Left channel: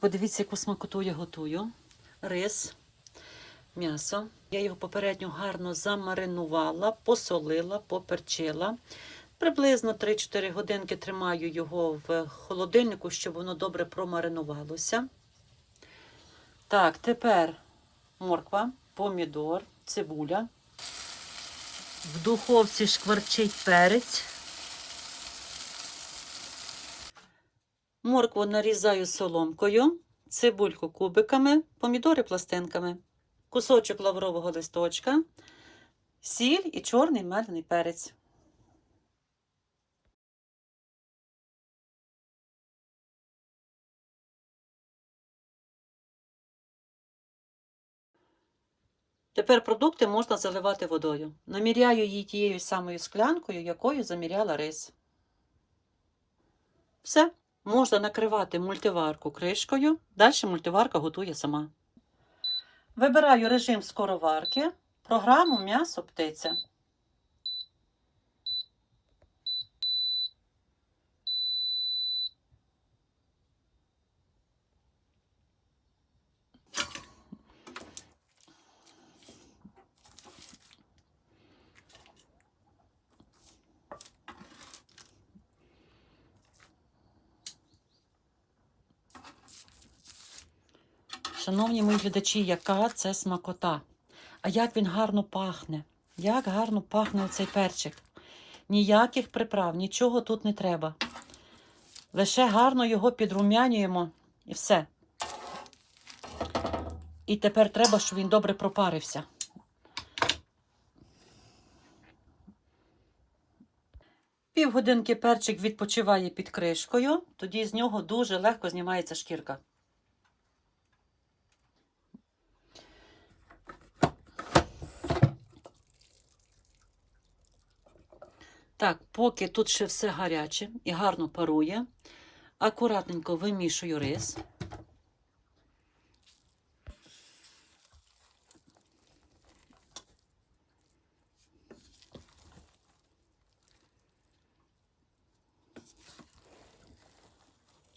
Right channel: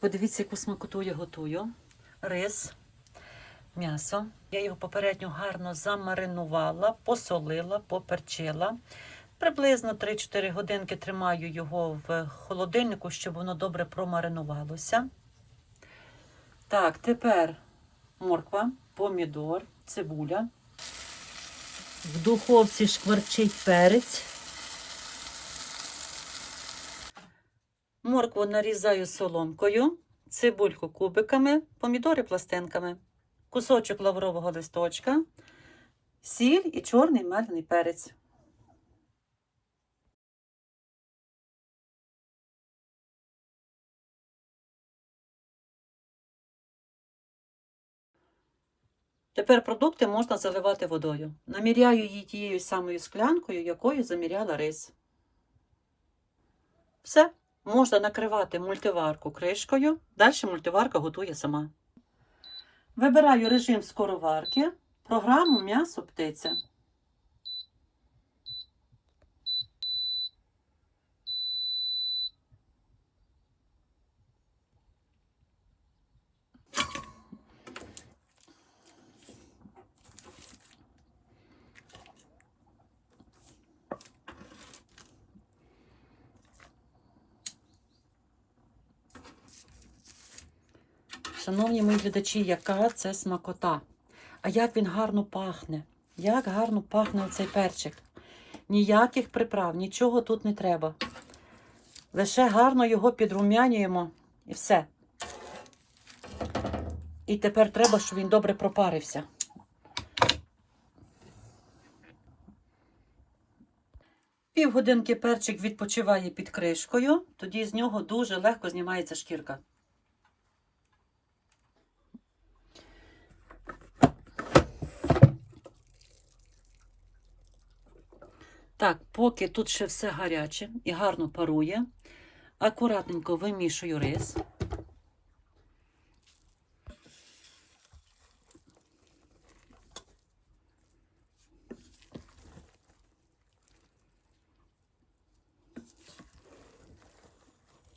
Подивіться, яку смакоту я готую. Рис, м'ясо. Я його попередньо гарно замаринувала, посолила, поперчила. Приблизно 3-4 годинки тримаю його в холодильнику, щоб воно добре промаринувалося. Так, тепер морква, помідор, цибуля. В духовці шкварчить перець. Моркву нарізаю соломкою, цибульку кубиками, помідори пластинками, кусочок лаврового листочка, сіль і чорний мелений перець. Тепер продукти можна заливати водою. Наміряю її тією самою склянкою, якою заміряла рис. Все. Можна накривати мультиварку кришкою. Далі мультиварка готує сама. Вибираю режим скороварки, програму м'ясо птиця. Шановні мої глядачі, яка це смакота. А як він гарно пахне. Як гарно пахне оцей перчик. Ніяких приправ, нічого тут не треба. Лише гарно його підрумянюємо і все. І тепер треба, щоб він добре пропарився. Півгодинки перчик відпочиває під кришкою, тоді з нього дуже легко знімається шкірка. Так, поки тут ще все гаряче і гарно парує, акуратненько вимішую рис.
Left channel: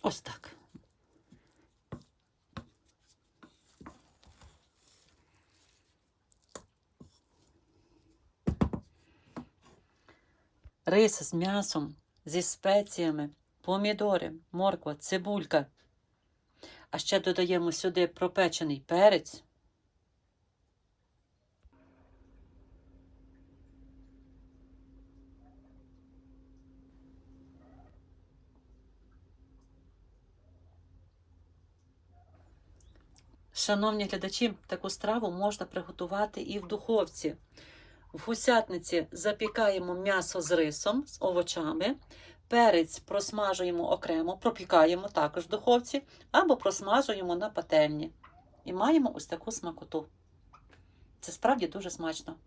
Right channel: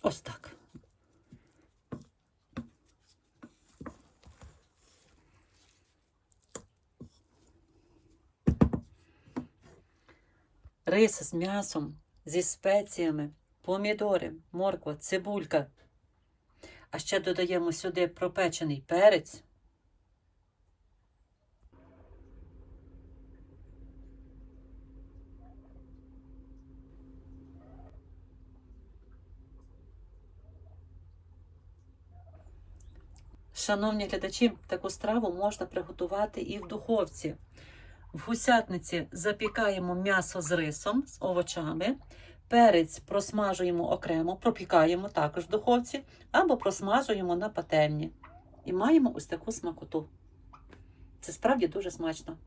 Ось так. Рис з м'ясом, зі спеціями, помідори, морква, цибулька. А ще додаємо сюди пропечений перець. Шановні глядачі, таку страву можна приготувати і в духовці. В гусятниці запікаємо м'ясо з рисом, з овочами. Перець просмажуємо окремо, пропікаємо також в духовці, або просмажуємо на пательні. І маємо ось таку смакоту. Це справді дуже смачно.